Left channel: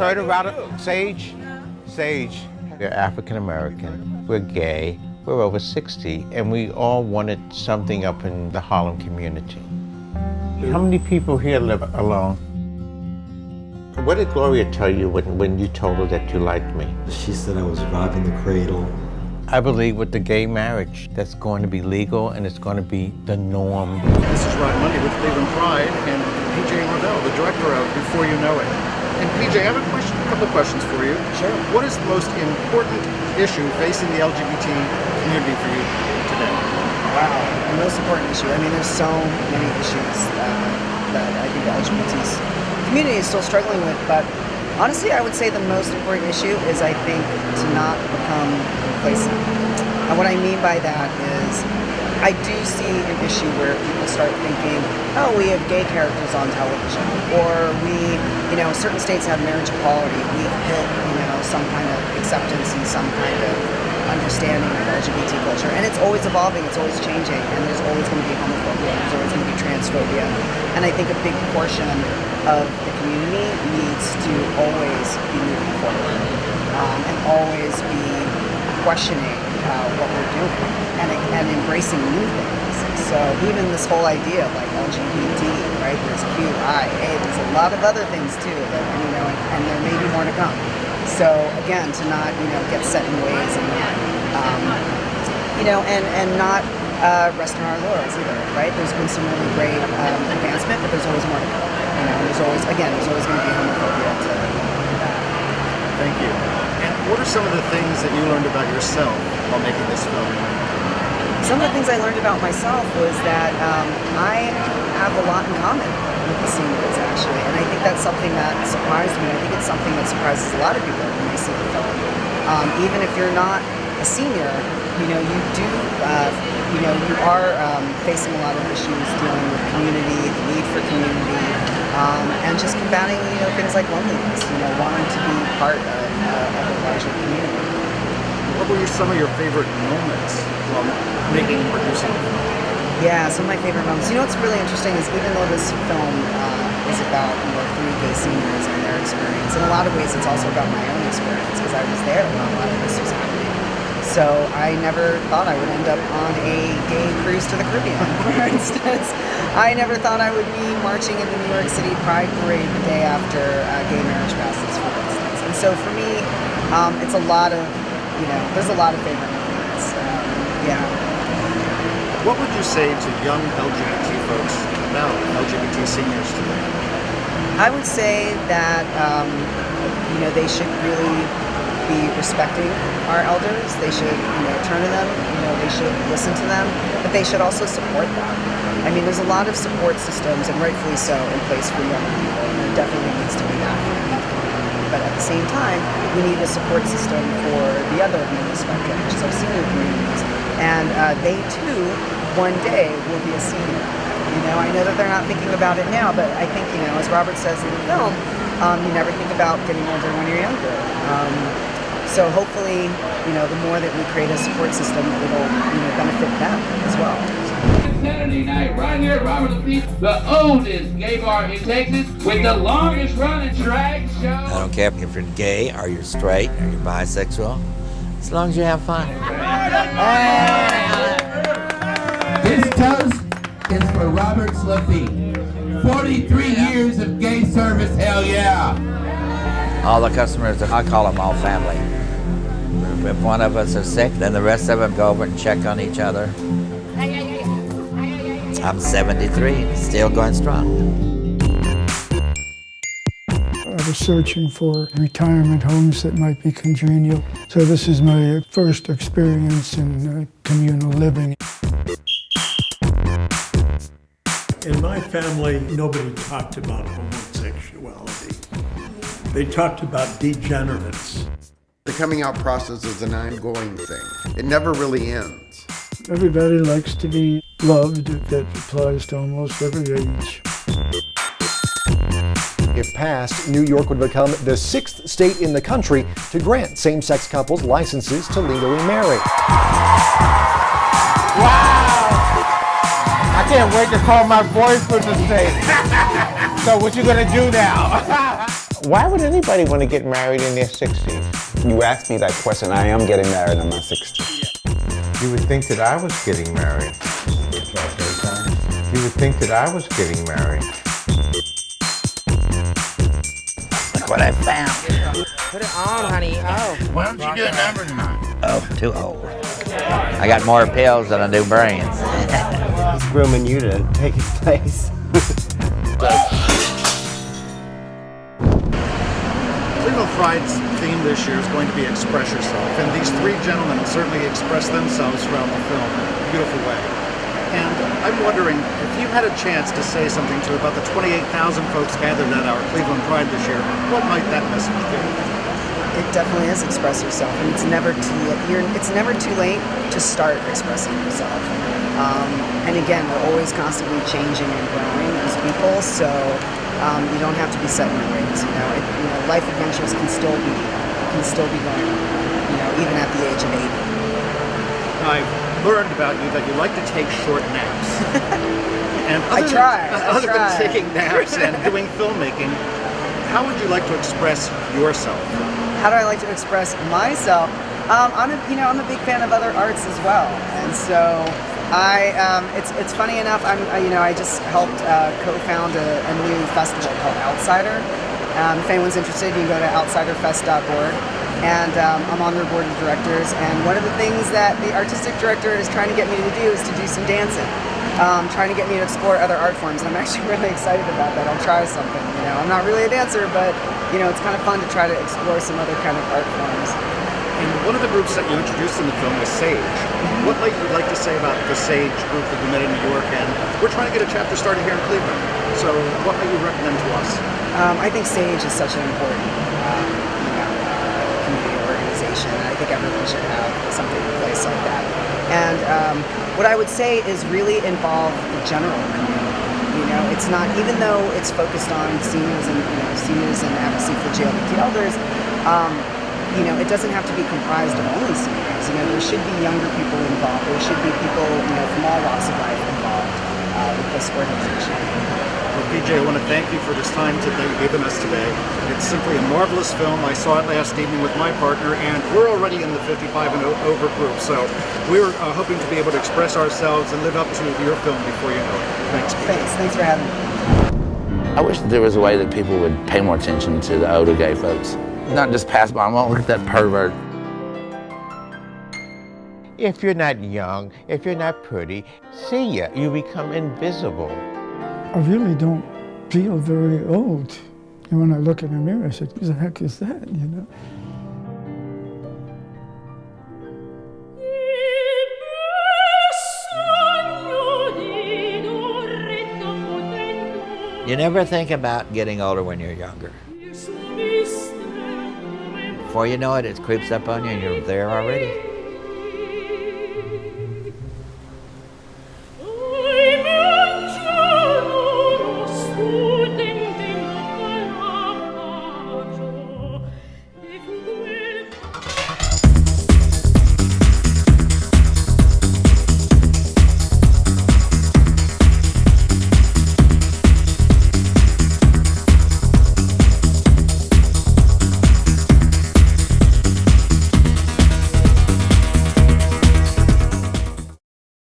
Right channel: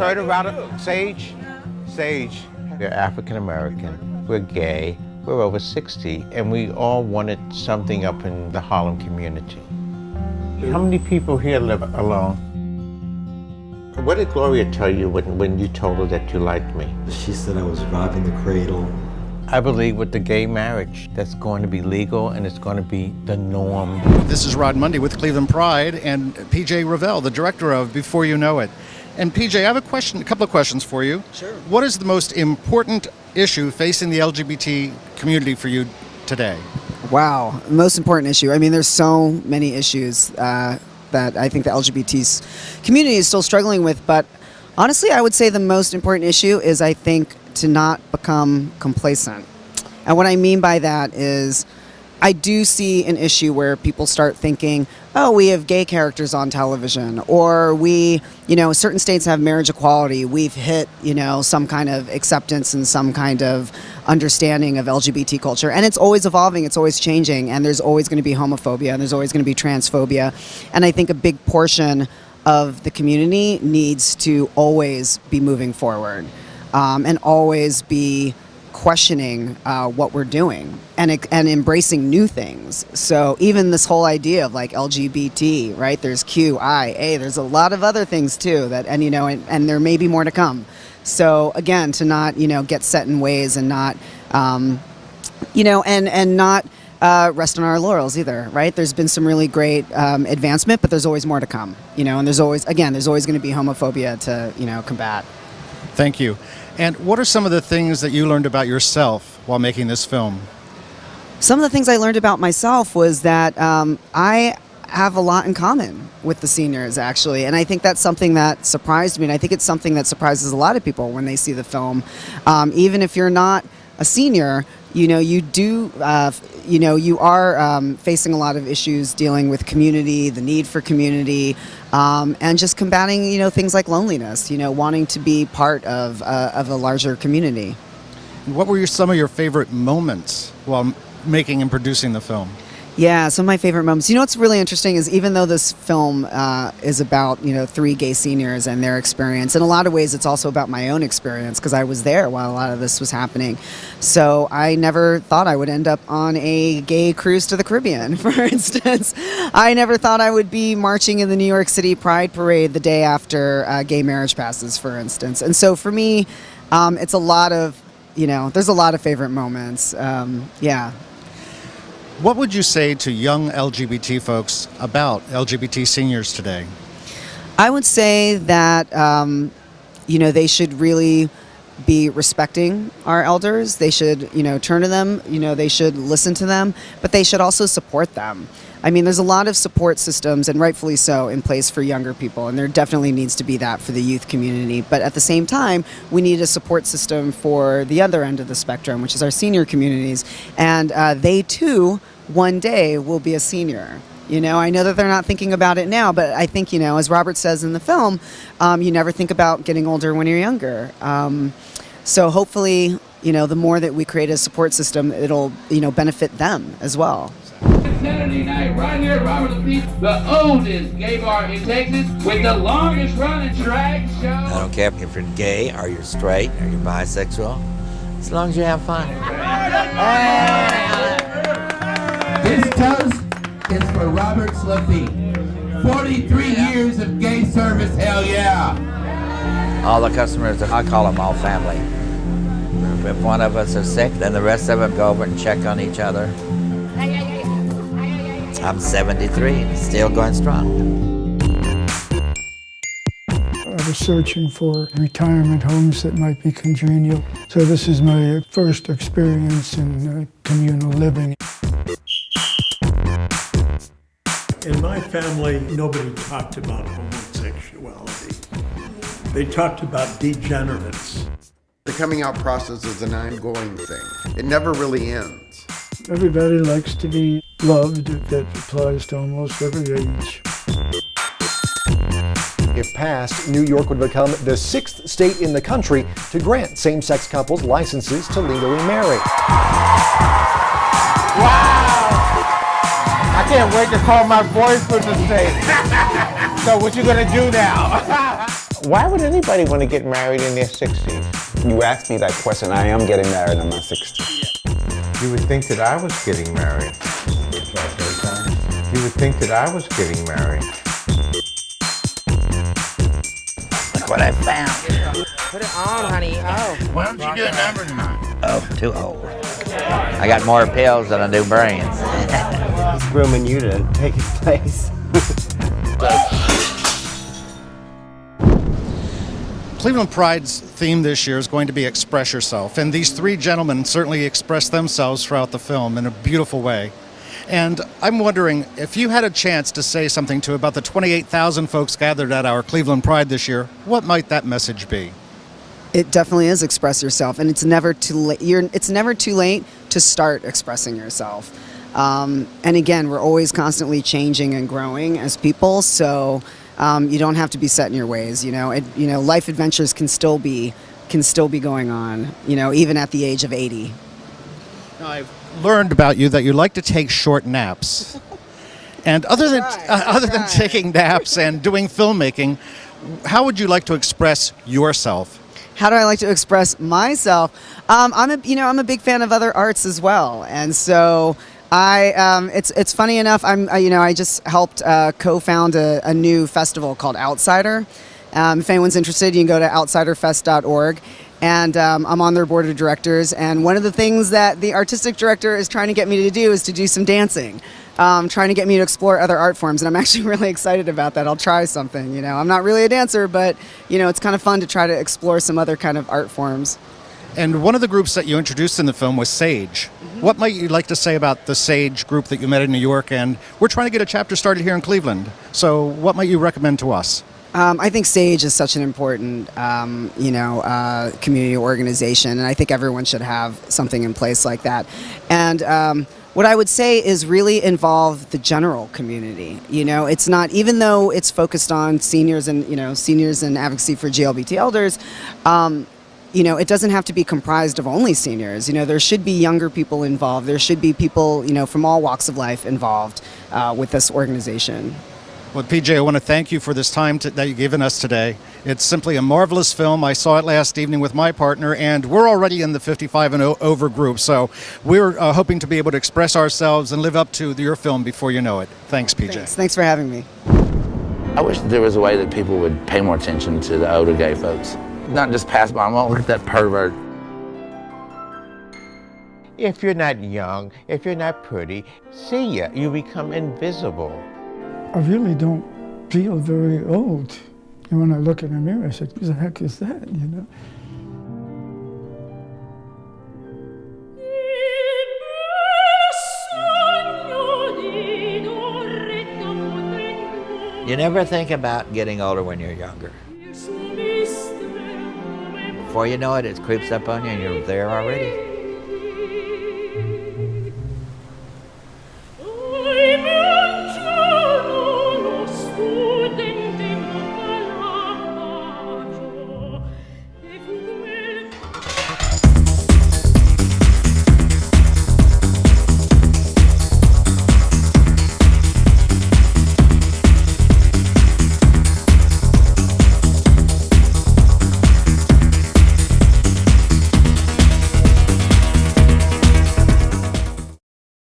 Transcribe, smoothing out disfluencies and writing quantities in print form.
heard about it? Sage? Sage. We're African American, we're gay, we're over 60, and we all wanted something up in the Harlem community. How many people here live alone? What did Gloria tell you when you told her that you liked me? She said I was robbing the cradle. I believe with the gay marriage, that's going to be legal and it's going to be the norm. This is Rod Mundy with Cleveland Pride and PJ Raval, the director of Before You Know It. And PJ, I have a couple of questions for you. Sure. What is the most important issue facing the LGBT community for you today? Wow, the most important issue. I mean, there's so many issues that I think the LGBT community is still struggling with, but honestly, I would say the most important issue is, I think, to not become complacent. And what I mean by that is, I do see an issue where people start thinking, oh, we have gay characters on television, or certain states have marriage equality, we've hit, some kind of acceptance and some kind of understanding of LGBT culture. And it's always evolving, it's always changing, and there's always going to be homophobia, there's always going to be transphobia. And I think a big portion of the community needs to always be moving forward and always be questioning what we're doing and embracing new things. So even this whole idea of like LGBT, right? There's QIA, there's a lot of other things too that, and there may be more to come. So again, to not, get set in ways and not, and not rest on our laurels either, right? There's been some really great advancement, but there's always more to come, and there's always going to be homophobia to, combat. Thank you. And what are some of the things that you learned about yourself while making this film? Some of the things I learned about myself was that I have a lot in common with the seniors, actually, and I think that's something that surprised me, and I think it's something that surprises a lot of people when they see the film. Even if you're not a senior, you are facing a lot of issues dealing with community, the need for community, and just combating, things like loneliness, wanting to be part of a larger community. What were some of your favorite moments while making and producing the film? Yeah, some of my favorite moments. What's really interesting is, even though this film is about, 3 gay seniors and their experience, in a lot of ways it's also about my own experience, because I was there while a lot of this was happening. So I never thought I would end up on a gay cruise to the Caribbean, for instance. I never thought I would be marching in the New York City Pride Parade the day after gay marriage passes, for instance. And so for me, it's a lot of, there's a lot of favorite moments. Yeah. What would you say to young LGBT folks about LGBT seniors today? I would say that, they should really be respecting our elders. They should, turn to them, they should listen to them, but they should also support them. I mean, there's a lot of support systems, and rightfully so, in place for younger people, and there definitely needs to be that for the youth community. But at the same time, we need a support system for the other end of the spectrum, which is our senior communities. And they too, one day, will be a senior. I know that they're not thinking about it now, but I think, as Robert says in the film, you never think about getting older when you're younger. So hopefully, the more that we create a support system, it'll, benefit them as well. Saturday night, right here at Robert Beach, the oldest gay bar in Texas with the longest running drag show. I don't care if you're gay or you're straight or you're bisexual, as long as you have fun. This toast is for Robert Lafitte. 43 years of gay service, hell yeah. All the customers, I call them all family. If one of us is sick, then the rest of them go over and check on each other. I'm 73, still going strong. I was searching for retirement homes that might be congenial. So this is my first experience in communal living. In my family, nobody talked about homosexuality. They talked about degenerates. The coming out process is an ongoing thing. It never really ends. Everybody likes to be loved. That applies to almost every age. If passed, New York would become the 6th state in the country to grant same-sex couples licenses to legally marry. Wow! I can't wait to call my boyfriend to say, so what you gonna do now? Why would anybody want to get married in their 60s? You asked me that question. I am getting married in my 60s. You would think that I was getting married. You would think that I was getting married. Look what I found. Put it on, honey. Oh. Why don't you do a number tonight? Oh, too old. I got more pills than I do brains. He's grooming you to take his place. Cleveland Pride's theme this year is going to be Express Yourself, and these three gentlemen certainly express themselves throughout the film in a beautiful way. And I'm wondering, if you had a chance to say something to about the 28,000 folks gathered at our Cleveland Pride this year, what might that message be? It definitely is express yourself, and it's never too late. It's never too late to start expressing yourself. And again, we're always constantly changing and growing as people, so you don't have to be set in your ways. Life adventures can still be going on. Even at the age of 80. I've learned about you that you like to take short naps. And other than taking naps and doing filmmaking, how would you like to express yourself? How do I like to express myself? I'm a big fan of other arts as well, and so it's funny enough. I just helped co-found a new festival called Outsider. If anyone's interested, you can go to outsiderfest.org. And I'm on their board of directors. And one of the things that the artistic director is trying to get me to do is to do some dancing. Trying to get me to explore other art forms, and I'm actually really excited about that. I'll try something. I'm not really a dancer, but it's kind of fun to try to explore some other kind of art forms. And one of the groups that you introduced in the film was Sage. What might you like to say about the Sage group that you met in New York? And we're trying to get a chapter started here in Cleveland. So what might you recommend to us? I think Sage is such an important, community organization, and I think everyone should have something in place like that. And what I would say is really involve the general community. It's not, even though it's focused on seniors and advocacy for LGBT elders. It doesn't have to be comprised of only seniors. There should be younger people involved. There should be people, from all walks of life involved with this organization. Well, PJ, I want to thank you for this time that you've given us today. It's simply a marvelous film. I saw it last evening with my partner, and we're already in the 55 and over group, so we're hoping to be able to express ourselves and live up to your film before you know it. Thanks, PJ. Thanks for having me. I wish there was a way that people would pay more attention to the older gay folks. Not just pass by them, oh, look at that pervert. If you're not young, if you're not pretty, see ya, you become invisible. I really don't feel very old. And when I look in the mirror, I said, "Who the heck is that?" You never think about getting older when you're younger. Before you know it, it creeps up on you and you're there already.